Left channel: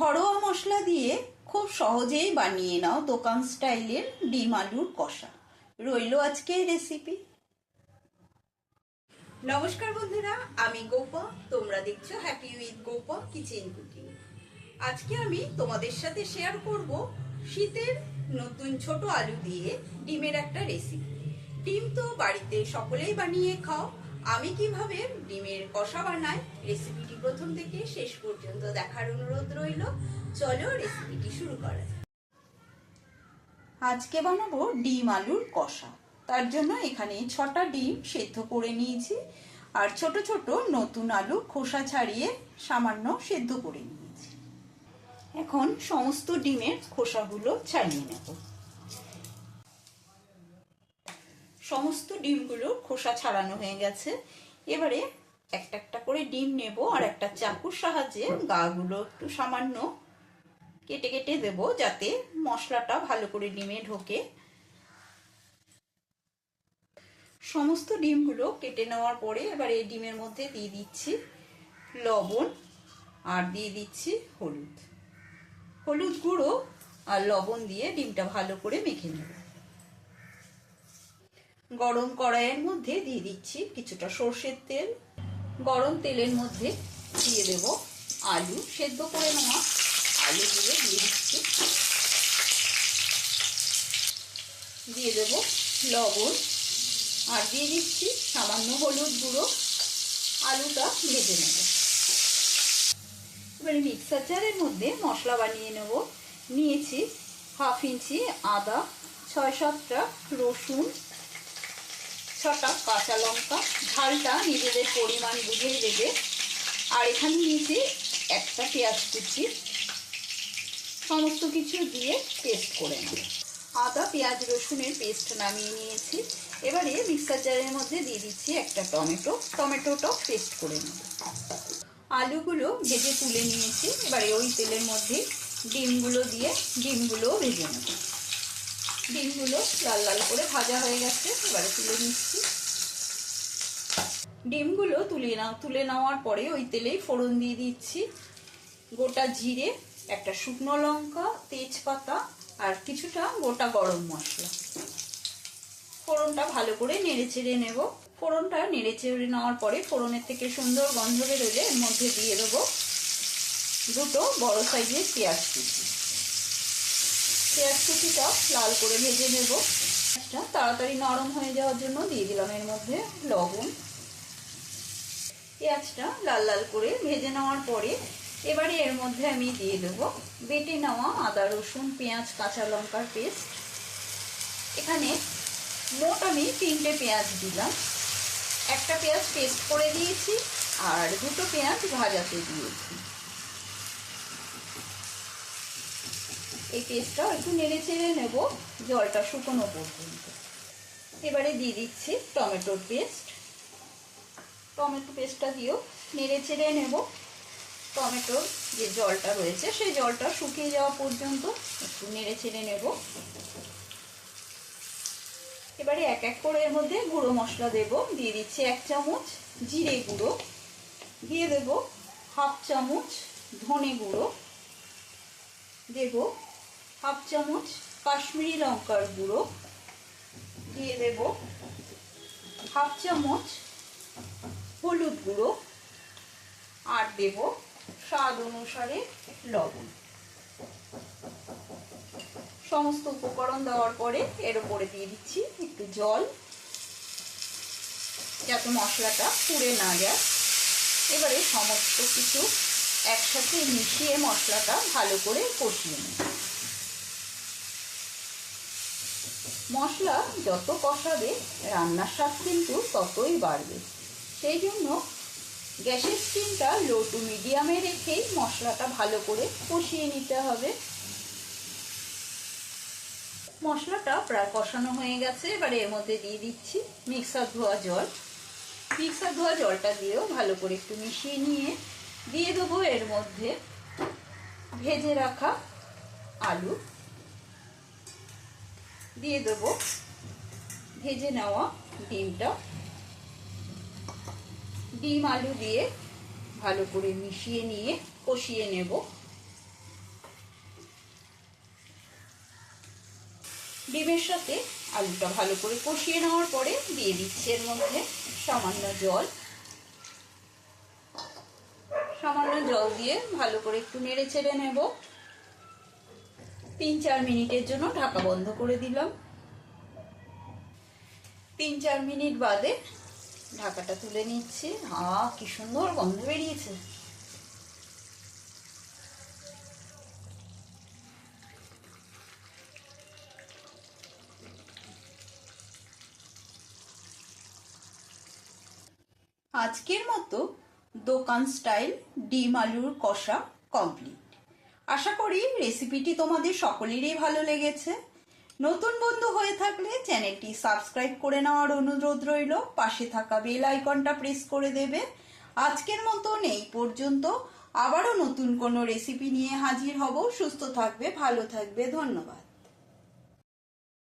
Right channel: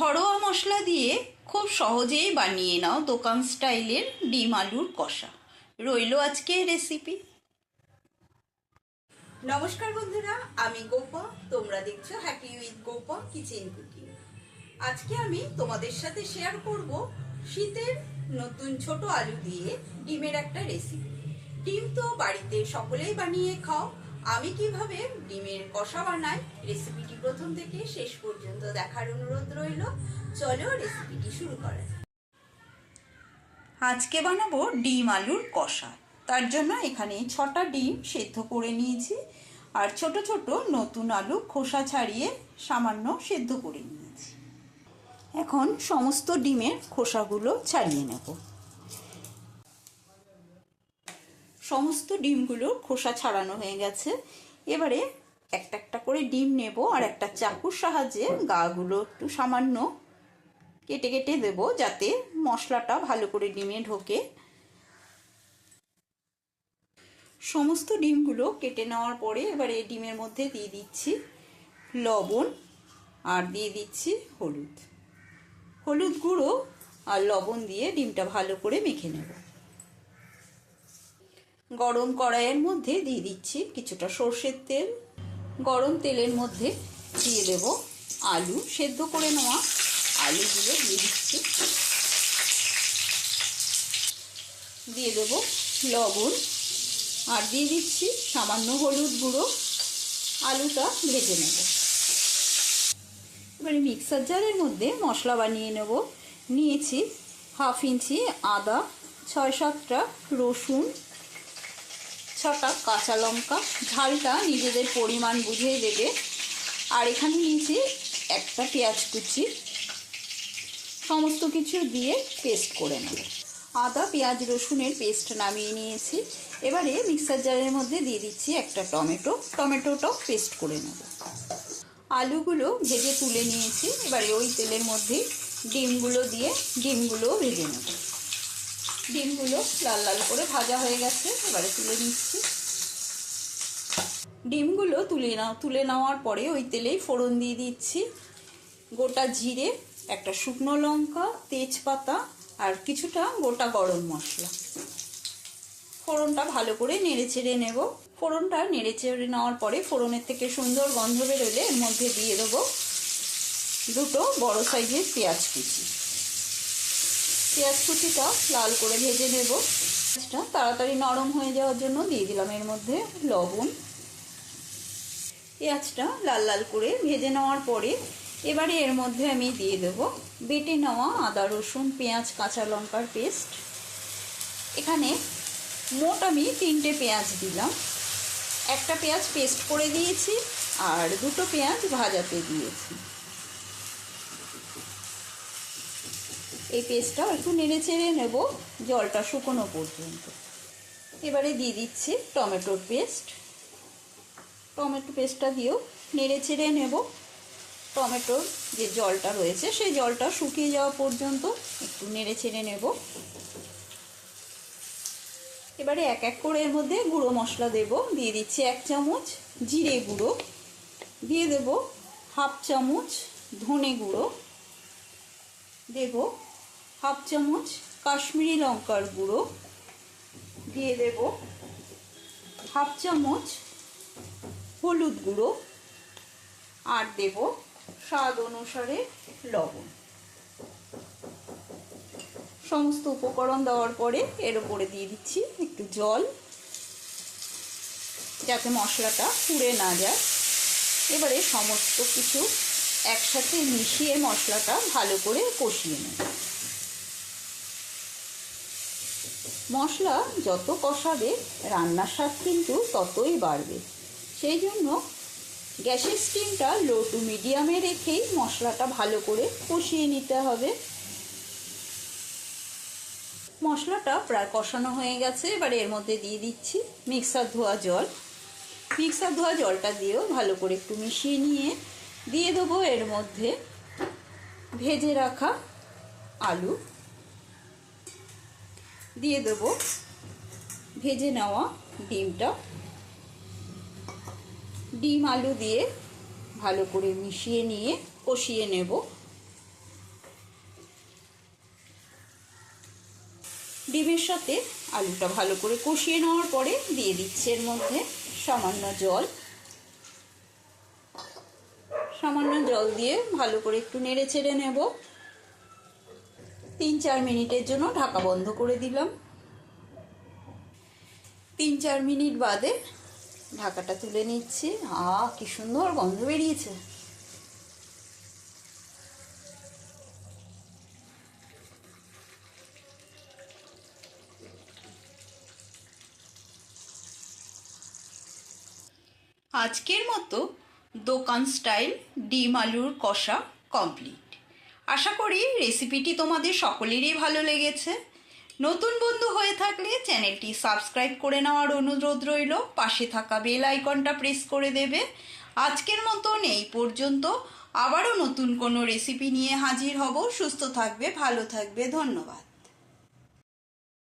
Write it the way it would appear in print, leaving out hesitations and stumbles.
ঘরোয়া মশলা দিয়ে খুব সহজেই বানিয়ে নাও দোকান স্টাইলের ডিম আলুর কষা। রইলো আজকের রেসিপি। নমস্কার বন্ধুরা, আমি গোপা, তোমরা দেখছো happy with Gopa kitchen cooking. আজকে আমি তোমাদের সাথে শেয়ার করব শীতের নতুন ছোট আলু দিয়ে ডিমের একটা রেসিপি। ডিম তো বাড়িতে সকলেই বানিয়ে খাও, আমি কিভাবে ডিমের কষা বানাই রেসিপিটি প্রথম থেকে শেষ পর্যন্ত দেখার অনুরোধ রইল। চলো রেসিপিটি শুরু করা যাক। আজকে বানাবো ডিম আলুর কষা। তার জন্য এখানে 6টা ডিম সেদ্ধ করে নিয়েছি, আর ছোট ছোট নতুন আলু খোসা ছাড়িয়ে সামান্য সেদ্ধ করে নিয়েছি। এখন সমস্ত ডিমের খোসাগুলো ছাড়িয়ে নেব। সমস্ত ডিমগুলো খোসা ছাড়ানো হয়ে গেছে। এবারে একটা একটা করে ডিম নেব, আর একটা চাকুর সাহায্যে গাগুলো একটু সামান্য কেটে কেটে দেব, যাতে মশলাটা ভালো করে ডিমে ঢোকে। সমস্ত ডিমগুলো কেটে নেওয়ার পরে এবারে ডিমের মধ্যে দিয়ে দিচ্ছি লবণ, আর দিয়ে দিচ্ছি হলুদ। হলুদ গুঁড়ো আর লবণ দিয়ে ডিমটা ভালো করে মেখে নেব। গরম কড়াইয়ের মধ্যে দিয়ে দিচ্ছি কিছুটা সর্ষের তেল। গরম তেলের মধ্যে দিয়ে দেব আলু, সেদ্ধ করে নেওয়া আলুগুলো দিয়ে দিচ্ছি। দিয়ে দেব লবণ, আর দিয়ে দিচ্ছি সামান্য হলুদ গুঁড়ো। আলুটা ভেজে নেব। এবারে মিক্সার জারের মধ্যে মশলা বানিয়ে নেব। নিয়েছি 1/2 ইঞ্চি আদা, 6-7টা রসুন, 6টা কাঁচা লঙ্কা। ঝালটা নিজেদের পরিমাণ বুঝে দেবে। আর এখানে নিয়েছি একটা পেঁয়াজ কুচি। সমস্ত কিছু দিয়ে পেস্ট করে নেব। আদা পেঁয়াজ রসুনের পেস্ট নামিয়ে নিয়েছি। এবারে মিক্সার জারের মধ্যে দিয়ে দিচ্ছি একটা টমেটোটা পেস্ট করে নেব। আলুগুলো ভেজে তুলে নিয়েছি। এবারে ওই তেলের মধ্যে ডিমগুলো দিয়ে ডিমগুলো ভেজে নেব। ডিমগুলো লাল লাল করে ভাজা হয়ে গেছে, এবারে তুলে নিচ্ছি। ডিমগুলো তুলে নেওয়ার পরে ওই তেলেই ফোড়ন দিয়ে দিচ্ছি গোটা জিরে, একটা শুকনো লঙ্কা, তেজপাতা, আর কিছুটা গোটা গরম মশলা। ফোড়নটা ভালো করে নেড়ে চেড়ে নেব। ফোড়নটা নেড়ে চেড়ে নেওয়ার পরে ফোড়নের থেকে সুন্দর গন্ধ বেরোলে এর মধ্যে দিয়ে দেবো 2টো বড় সাইজের পেঁয়াজ কুচি। পেঁয়াজ কুচিটা লাল করে ভেজে নেব। পেঁয়াজটা তাড়াতাড়ি নরম হয়ে যাওয়ার জন্য দিয়ে দিলাম এর মধ্যে লবণ। পেঁয়াজটা লাল লাল করে ভেজে নেওয়ার পরে এবারে এর মধ্যে আমি দিয়ে দেব বেটে নেওয়া আদা রসুন পেঁয়াজ কাঁচা লঙ্কার পেস্ট। এখানে মোট আমি 3টে পেঁয়াজ দিলাম। একটা পেঁয়াজ পেস্ট করে দিয়েছি, আর 2টো পেঁয়াজ ভাজাতে দিয়েছি। এই পেস্টটা একটু নেড়ে চেড়ে নেব জলটা শুকনো পর্যন্ত। এবারে দিয়ে দিচ্ছি টমেটোর পেস্ট। টমেটো পেস্টটা দিয়েও নেড়ে চেড়ে নেব। টমেটোর যে জলটা রয়েছে সেই জলটা শুকিয়ে যাওয়া পর্যন্ত একটু নেড়ে চেড়ে নেব। এবারে এক এক করে এর মধ্যে গুঁড়ো মশলা দেব। দিয়ে দিচ্ছি 1 চামচ জিরে গুঁড়ো, দিয়ে দেব 1/2 চামচ ধনে গুঁড়ো, দেব 1/2 চামচ কাশ্মীরি লঙ্কার গুঁড়ো, দিয়ে দেব 1/2 চামচ হলুদ গুঁড়ো, আর দেব স্বাদ অনুসারে লবণ। সমস্ত উপকরণ দেওয়ার পরে এর উপরে দিয়ে দিচ্ছি একটু জল, যাতে মশলাটা পুড়ে না যায়। এবারে সমস্ত কিছু একসাথে মিশিয়ে মশলাটা ভালো করে কষিয়ে নেব। মশলা যত কষাবে রান্নার স্বাদ কিন্তু ততই বাড়বে। সেই জন্য গ্যাসের স্টিমটা লো টু মিডিয়ামে রেখেই মশলাটা ভালো করে কষিয়ে নিতে হবে। মশলাটা প্রায় কষানো হয়ে গেছে। এবারে এর মধ্যে দিয়ে দিচ্ছি মিক্সার ধোয়া জল। মিক্সার ধোয়া জলটা দিয়েও ভালো করে একটু মিশিয়ে নিয়ে দিয়ে দেবো এর মধ্যে ভেজে রাখা আলু, দিয়ে দেবো ভেজে নেওয়া ডিমটা। ডিম আলু দিয়ে ভালো করে মিশিয়ে নিয়ে কষিয়ে নেব। ডিমের সাথে আলুটা ভালো করে কষিয়ে নেওয়ার পরে দিয়ে দিচ্ছি এর মধ্যে সামান্য জল। সামান্য জল দিয়ে ভালো করে একটু নেড়ে চেড়ে নেব। 3-4 মিনিটের জন্য ঢাকা বন্ধ করে দিলাম। 3-4 মিনিট বাদে ঢাকাটা তুলে নিচ্ছি। কি সুন্দর গন্ধ বেরিয়েছে। আজকের মতো দোকান স্টাইল ডিম আলুর কষা কমপ্লিট। আশা করি রেসিপিটি তোমাদের সকলেরই ভালো লেগেছে। নতুন বন্ধু হয়ে থাকলে চ্যানেলটি সাবস্ক্রাইব করে নেওয়ার অনুরোধ রইল। পাশে থাকা বেল আইকনটা প্রেস করে দেবে। আজকের মতন এই পর্যন্ত। আবারও নতুন কোনো রেসিপি নিয়ে হাজির হব। সুস্থ থাকবে, ভালো থাকবে। ধন্যবাদ।